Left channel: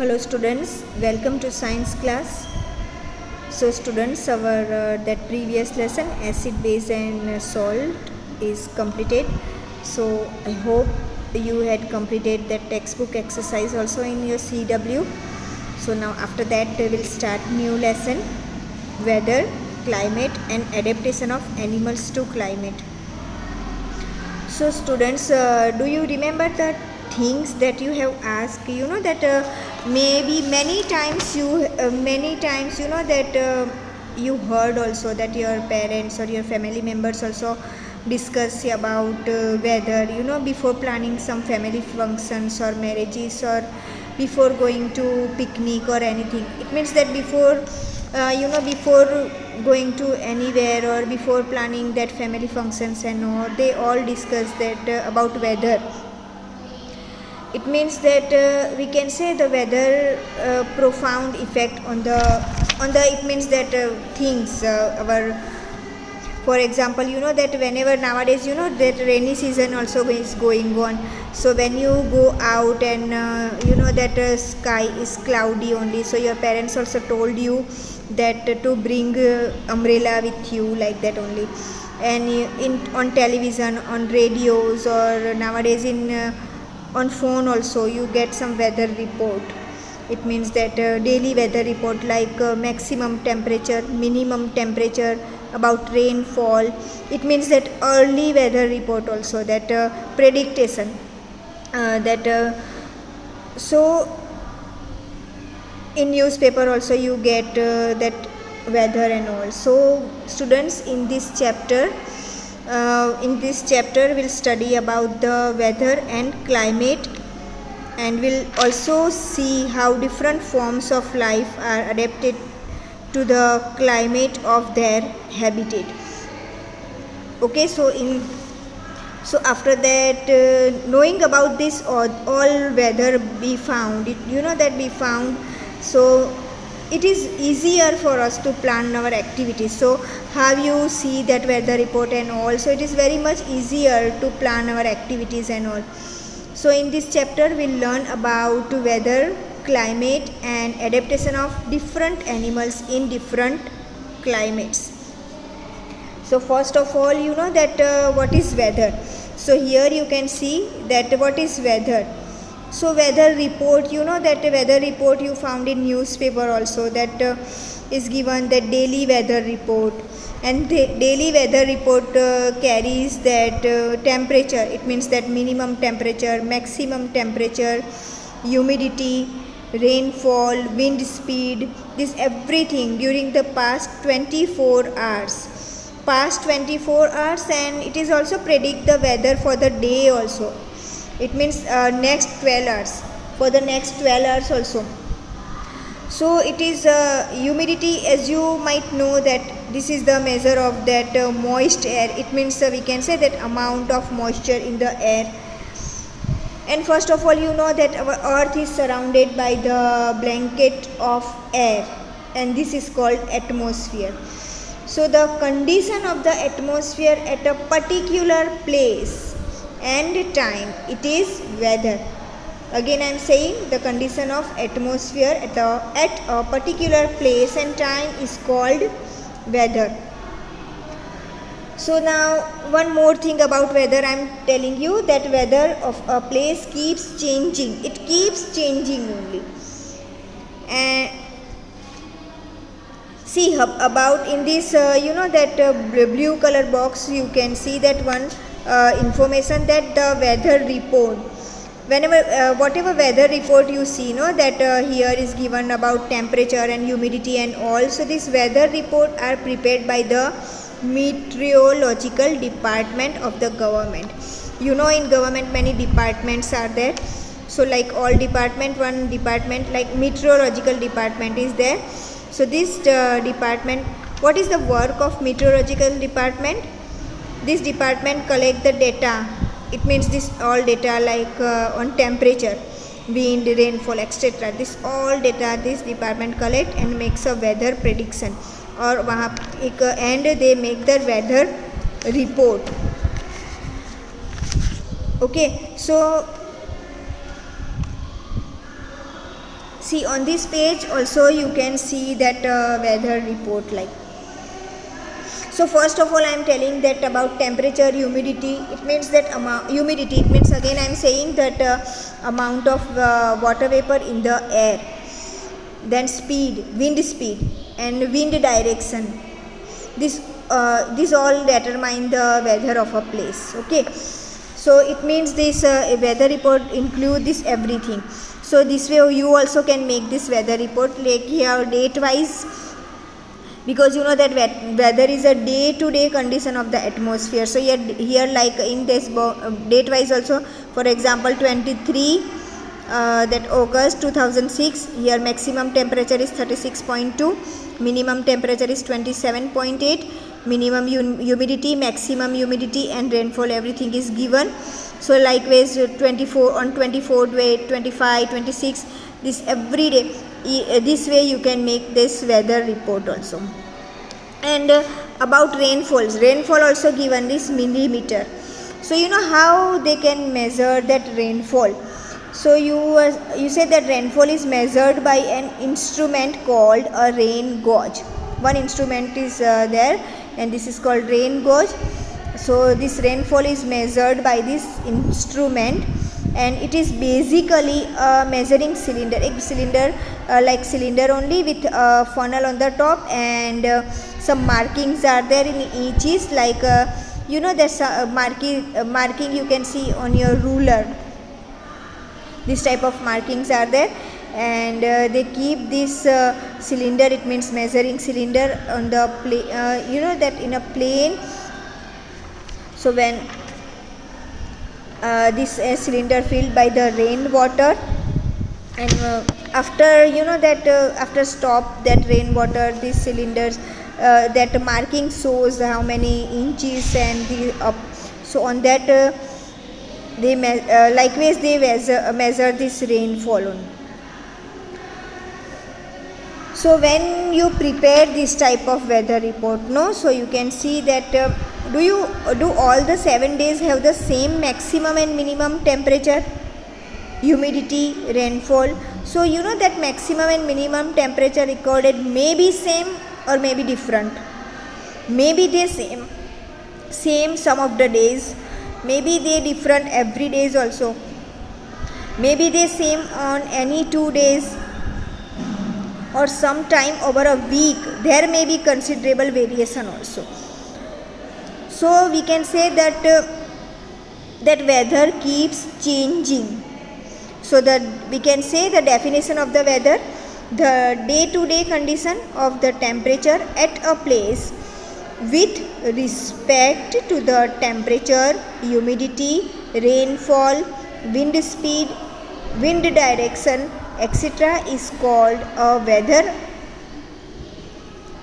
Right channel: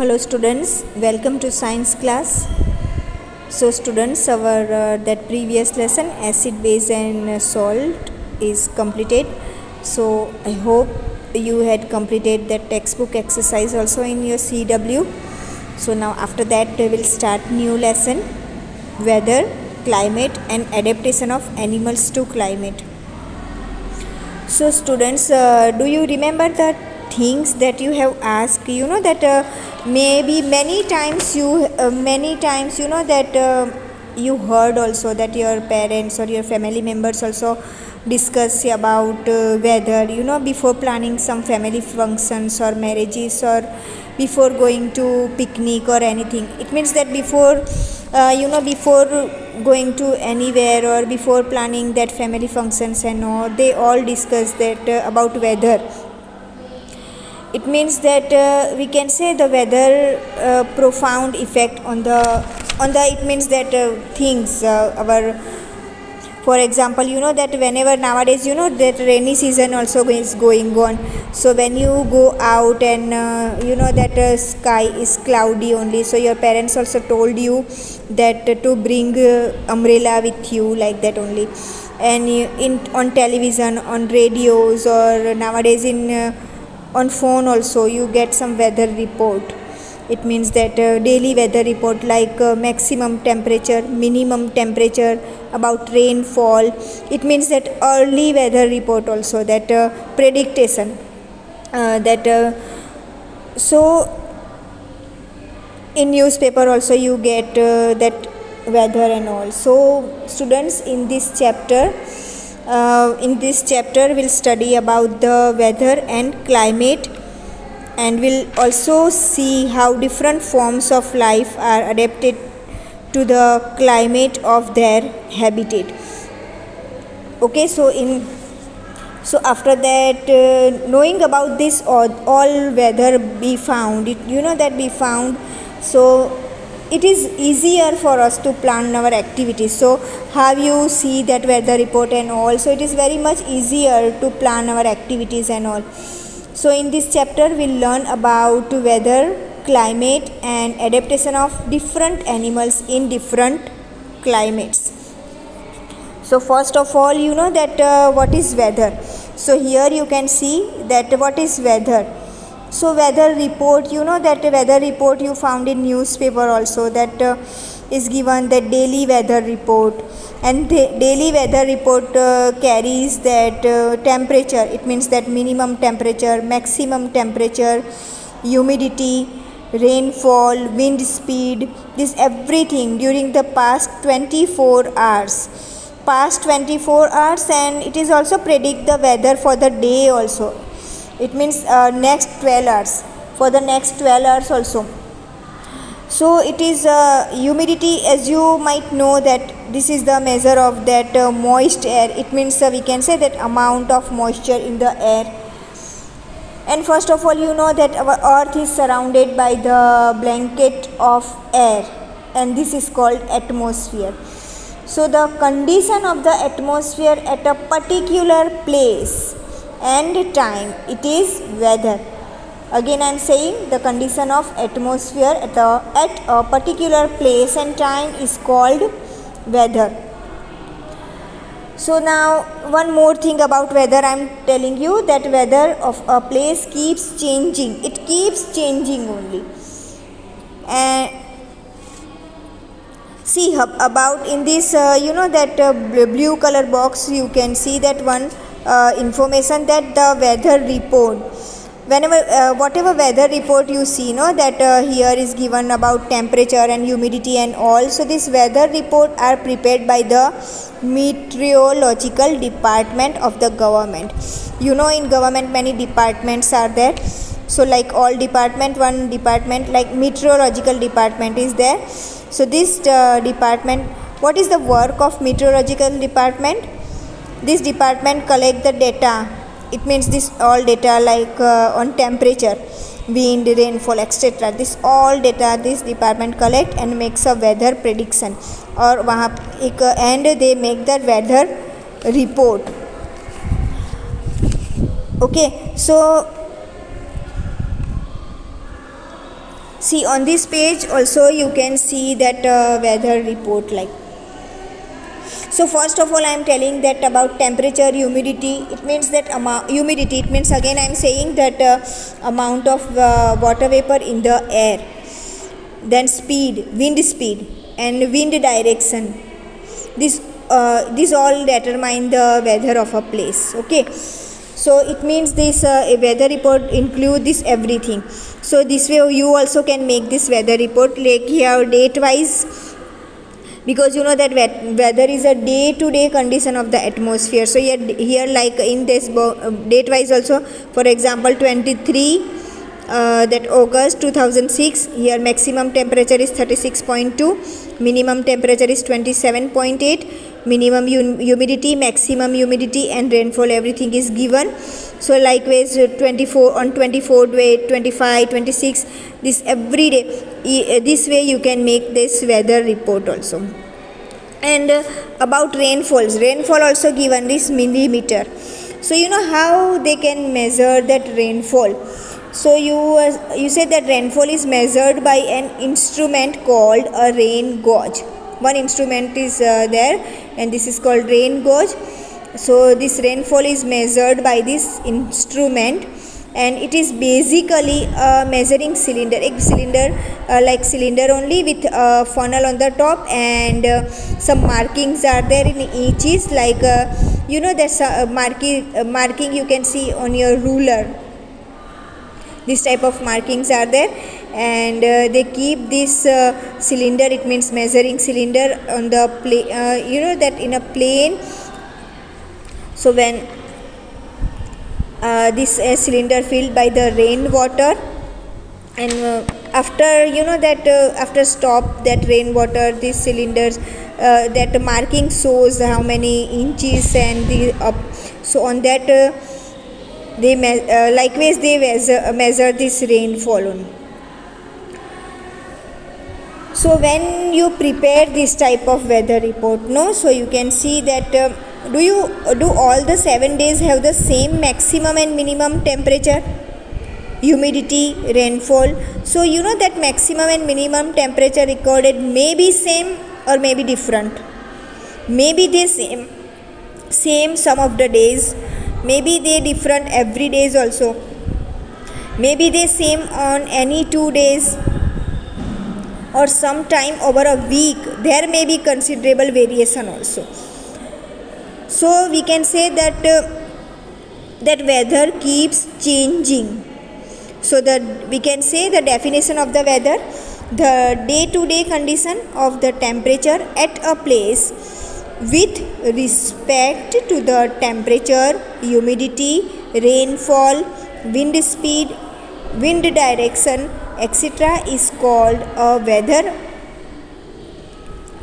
Hello students, welcome to science class. So students, our that previous lesson acid, base and salt is completed. So I hope you had completed that textbook exercise also in your CW. So now after that we will start new lesson, weather, climate and adaptation of animals to climate. So students, do you remember the things that you have asked? You know that maybe many times you know that you heard also that your parents or your family members also discuss about whether before planning some family functions or marriages or before going to picnic or anything. It means that before before going to anywhere or before planning that family functions and all, they all discuss that about weather. It means that we can say the weather profound effect on the it means that things our, for example, that whenever nowadays that rainy season also is going on. So when you go out and that sky is cloudy only, so your parents also told you that to bring umbrella with you, like that only. And on television, on radios, or nowadays in on phone also you get some weather report. It means that daily weather report like maximum temperature, minimum temperature, about rainfall. It means that early weather report also, that prediction so in newspaper also you get that weather and all. So students, in this chapter we'll study about the weather and climate, and we'll also see how different forms of life are adapted to the climate of their habitat. Okay, so after that, knowing about this all weather be found, so it is easier for us to plan our activities. So how you see that weather report and all, so it is very much easier to plan our activities and all. So in this chapter we'll learn about weather, climate and adaptation of different animals in different climates. So first of all, that what is weather. So here you can see that what is weather. So weather report, that weather report you found in newspaper also, that is given the daily weather report. And the daily weather report carries that temperature. It means that minimum temperature, maximum temperature, humidity, rainfall, wind speed, this everything during the past 24 hours. And it is also predict the weather for the day also. It means next 12 hours, for the next 12 hours also. So it is humidity, as you might know that this is the measure of that moist air. It means we can say that amount of moisture in the air. And first of all, that our earth is surrounded by the blanket of air, and this is called atmosphere. So the condition of the atmosphere at a particular place and time, it is weather. Again I am saying, the condition of atmosphere at a particular place and time is called weather. So now one more thing about weather I am telling you, that weather of a place keeps changing. It keeps changing only. And see about in this that blue color box, you can see that one information, that the weather report. Whenever whatever weather report you see, that here is given about temperature and humidity and all. So this weather report are prepared by the meteorological department of the government. In government many departments are there. So like all department, one department like meteorological department is there. So this department, what is the work of meteorological department? This department collect the data. It means this all data like on temperature, wind, rainfall, etc. This all data this department collect and makes a weather prediction, और वहाँ एक and they make the weather report. Okay, so See, on this page also you can see that weather report like. So first of all I am telling that about temperature, humidity. It means that humidity, it means again I am saying that amount of water vapor in the air. Then speed, wind speed and wind direction. This all determine the weather of a place. Okay, so it means this weather report include this everything. So this way you also can make this weather report like here date wise, because you know that weather is a day to day condition of the atmosphere. So here like in this date wise also, for example 23 that August 2006, here maximum temperature is 36.2, minimum temperature is 27.8, minimum humidity, maximum humidity and rainfall everything is given. So likewise 24 on 24th day, 25, 26, this every day. This way you can make this weather report also. And about rainfall also given this millimeter. So you know how they can measure that rainfall. So you say that rainfall is measured by an instrument called a rain gauge. One instrument is there and this is called rain gauge. So this rainfall is measured by this instrument and it is basically a measuring cylinder, like cylinder only with a funnel on the top, and some markings are there in each is like you know there's a marking you can see on your ruler. This type of markings are there, and they keep this cylinder, it means measuring cylinder on the plane, you know that in a plane. So when this cylinder filled by the rainwater, and after you know that after stop that rainwater, these cylinders that marking shows how many inches and the up. So on that they likewise they measure this rainfall only. So when you prepare this type of weather report, no, so you can see that do all the 7 days have the same maximum and minimum temperature, humidity, rainfall. So you know that maximum and minimum temperature recorded may be same or may be different. Maybe they same some of the days, maybe they different every days also, maybe they same on any 2 days, or sometime over a week there may be considerable variation also. So we can say that that weather keeps changing. So we can say the definition of the weather: the day-to-day condition of the temperature at a place with respect to the temperature, humidity, rainfall, wind speed, wind direction, etc. is called a weather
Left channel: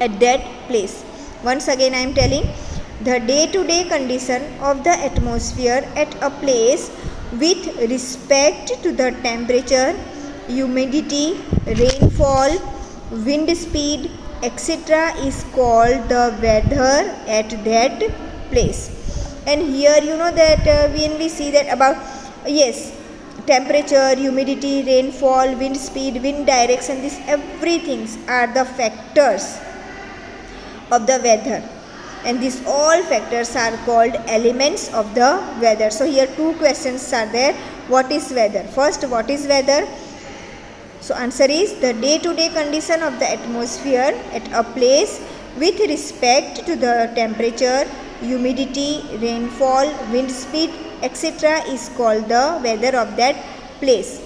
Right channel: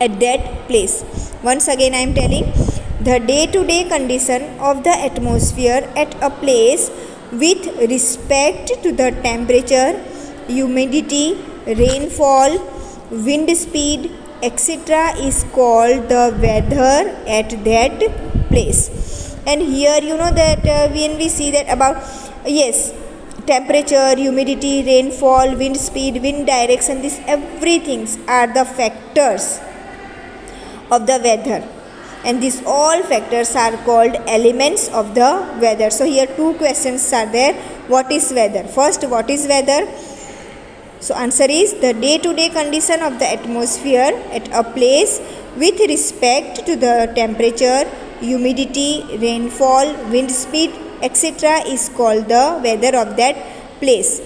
at that place. Once again I am telling, the day-to-day condition of the atmosphere at a place with respect to the temperature, humidity, rainfall, wind speed, etc. is called the weather at that place. And here you know that when we see that about temperature, humidity, rainfall, wind speed, wind direction, these everything are the factors of the weather, and these all factors are called elements of the weather. So here two questions are there. What is weather? First, what is weather? So answer is the day-to-day condition of the atmosphere at a place with respect to the temperature, humidity, rainfall, wind speed, etc. is called the weather of that place.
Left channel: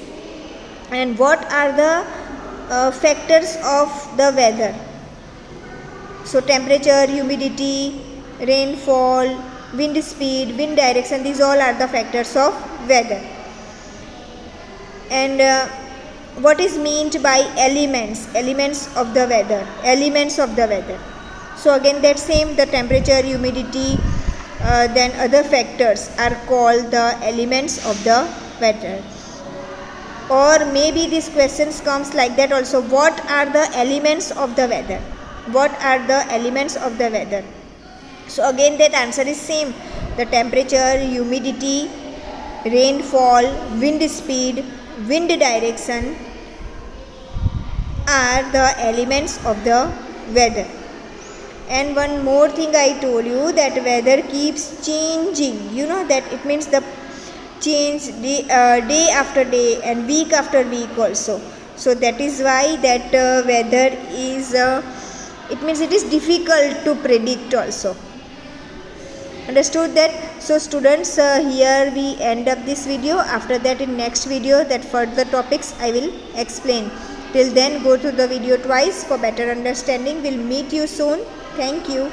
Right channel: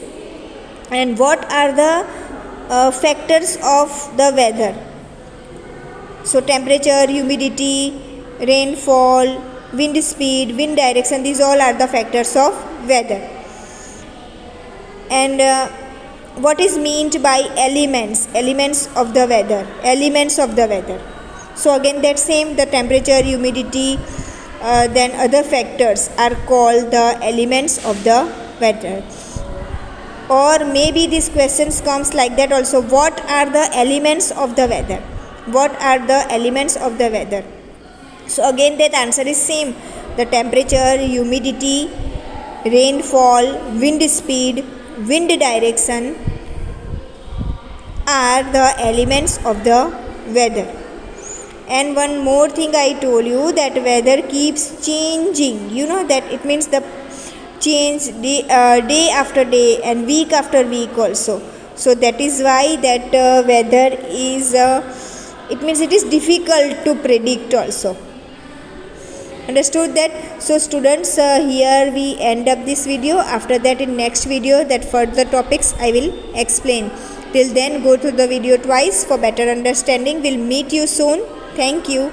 And what are the factors of the weather? So temperature, humidity, rainfall, wind speed, wind direction, these all are the factors of weather. And what is meant by elements of the weather? So again that same, the temperature, humidity, then other factors are called the elements of the weather. Or maybe these questions comes like that also: what are the elements of the weather? What are the elements of the weather? So again that answer is same: the temperature, humidity, rainfall, wind speed, wind direction, are the elements of the weather. And one more thing I told you, that weather keeps changing. You know that it means the change day after day and week after week also. So that is why that weather is it means it is difficult to predict also. Understood that? So students, here we end up this video. After that, in next video, that further topics I will explain. Till then, go through the video twice for better understanding. We'll meet you soon. Thank you.